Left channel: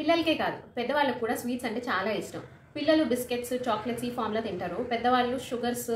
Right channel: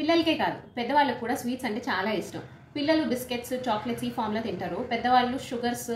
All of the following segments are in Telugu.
పిల్లలకే కాదు పెద్దవాళ్ళకి కూడా స్వీట్స్ అంటే చాలా ఇష్టం. పిల్లలు బిస్కెట్స్, చాక్లెట్స్ ఈ ఫామ్లో తింటారు. పెద్దవాళ్ళు షుగర్స్,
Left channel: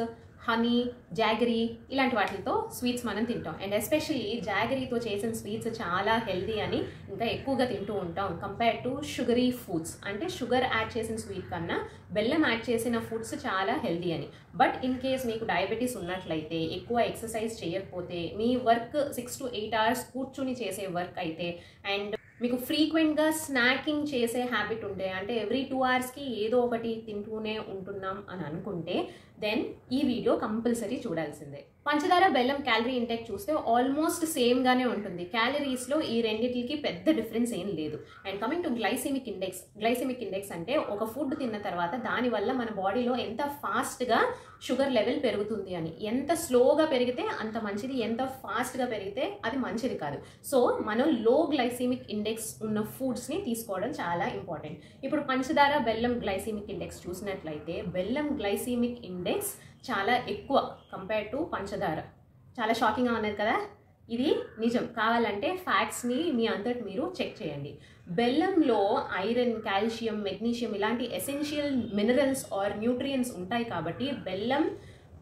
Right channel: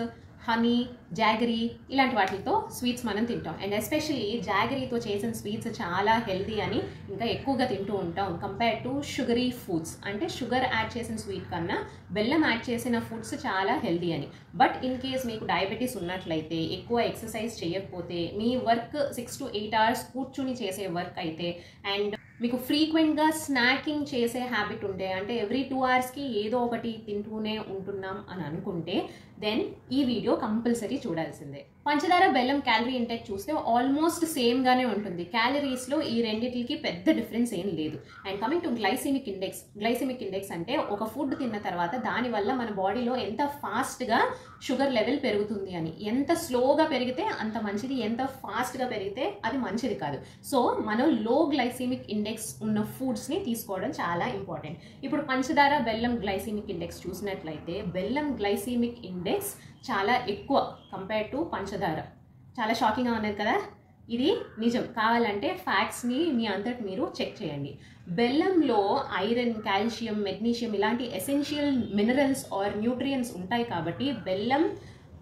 హనీ, జాగరీ ఇలాంటి వాటితో స్వీట్స్ మనం తింటాం. అండ్ ఎస్పెషల్లీ జాగరీతో చేసిన స్వీట్స్ చాలా హెల్దీ అని ఇంకా ఎక్కువగా తింటూ ఉంటాం కంపేర్ టు షుగరీ ఫుడ్స్. అంటే షుగర్ యాడ్ చేసిన స్వీట్ కన్నా బెల్లం యాడ్ చేసిన ఫుడ్స్ చాలా హెల్దీ అని. బట్ ఇన్ కేస్ మీకు డయాబెటీస్ ఉన్నట్లయితే, ఎక్కువ ఎక్సర్సైజ్ చేయకపోతే, మీ వర్క్ 6 to 8 hours కూర్చుని చేసే వర్క్ అయితే, అండ్ మీకు ఫ్రీక్వెంట్గా స్నాకింగ్ చేసే హ్యాబిట్ ఉంటే, అంటే ఎవ్రీ 2 hours ఏదో ఒకటి తింటూనే ఉంటున్నాం అని అనుకుంటే, దెన్ ఈ వీడియో కంపల్సరీ చూడాల్సిందే. పంచదార, బెల్లం క్యాలరీ ఇంటెక్ చూస్తే ఆల్మోస్ట్ సేమ్గానే ఉంటుంది. క్యాలరీస్లో ఈ రెండింటికి పెద్ద డిఫరెన్స్ ఏం లేదు. And coming to glycemic index. Glycemic index అంటే ఒక ఫుడ్ తిన్న తర్వాత దానివల్ల మన బాడీలో ఎంత ఫాస్ట్గా షుగర్ లెవెల్ పెరుగుతుంది అని. ఎంత స్లోగా పెరిగితే అంత మంచిది, ఎంత ఫాస్ట్గా పెరిగితే అది మంచిది కాదు. సో మనం లో గ్లైసెమిక్ ఇండెక్స్ ఉన్న ఫుడ్స్ని తీసుకోవడం చాలా ఇంపార్టెంట్. ఇప్పుడు పంచదార, బెల్లం గ్లైసెమిక్ ఇండెక్స్ చూసినట్లయితే, బెల్లం గ్లైసెమిక్ ఇండెక్స్ చాలా ఎక్కువ కంపేర్ టు పంచదార. చాలా షాకింగ్గా ఉన్నది కదా. ఇది నిజం. కావాలంటే ఫ్యాక్ట్స్ని మీ అంతటి మీరు చెక్ చేయండి. బెల్లంలో ఐరన్, కాల్షియం, మెగ్నీషియం ఇలాంటి ఎసెన్షియల్ మినరల్స్ ఆర్ న్యూట్రియంట్స్ ఉంటాయి కాబట్టి బెల్లం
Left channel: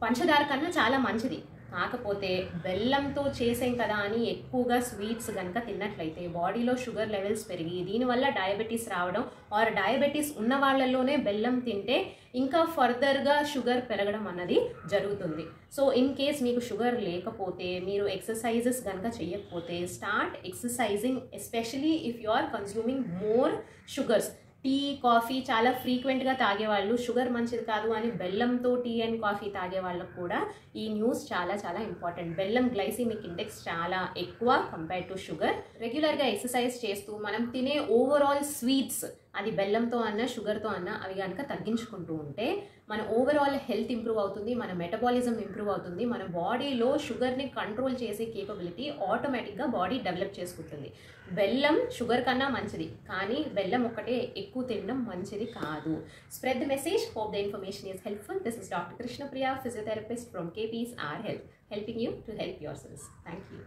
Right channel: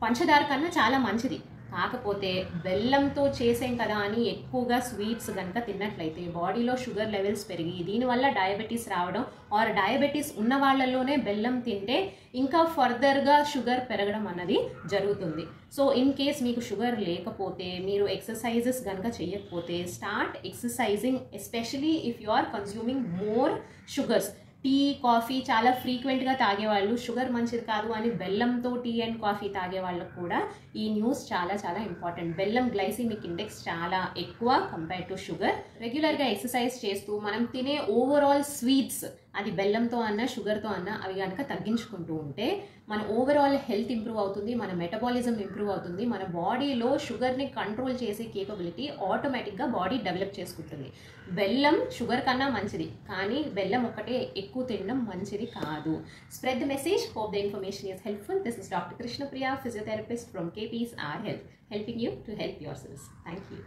పంచదార కన్నా చాలా మంచిది. కాకపోతే బెల్లంతో చేసేం కదా అని ఎక్కువగా స్వీట్స్ కనుక తిన్నట్లయితే బాడీలో షుగర్ లెవెల్స్ పెరిగి దీనివల్ల డయాబెటీస్ రావడం, ఆర్ డయాబెటీస్ ఉన్న వాళ్ళలోనే బెల్లం తింటే ఇంకా ఫర్దర్గా షుగర్ పెరగడం అన్నది జరుగుతుంది. సో ఇన్ కేస్ మీకు షుగర్ లేకపోతే, మీరు ఎక్సర్సైజెస్ కనుక చేయకపోతే, start exercising. Especially if you are consuming more sugars. Tea, coffee చాలా ఫ్రీక్వెంట్గా తాగేవాళ్ళు, షుగర్ మంచిది కాదు అని బెల్లంతో టీ అండ్ కాఫీ తాగే వాళ్ళకు కూడా ఈ న్యూస్ చాలా చాలా ఇంపార్టెంట్. బెల్లం గ్లైసెమిక్ ఇండెక్స్ చాలా ఎక్కువ కంపేర్ టు షుగర్. రెగ్యులర్గా ఎక్సర్సైజ్ చేస్తూ మనం తినే ఓవరాల్ స్వీట్స్, అది బెల్లంతో అన్నా షుగర్తో అన్నా, అవి కనుక తగ్గించుకుంటూ ఉంటే మన ఓవరాల్ హెల్త్ ఇంప్రూవ్ అవుతుంది, మన మెటబాలిజం ఇంప్రూవ్ అవుతుంది, మన బాడీలో షుగర్ని కంట్రోల్ చేసే కేపబిలిటీ ఆటోమేటిక్గా బాడీ డెవలప్ చేసుకుంటుంది. బెల్లం షుగర్ కన్నా మంచిది, కానీ బెల్లం ఒకటే ఎక్కువ తినడం మంచిది కాదు. Spread the message. Hope the information is helpful. This is Dr. Krishna Priya, physiotherapist from KP's R Health, helping you to help yourselves. Thank you.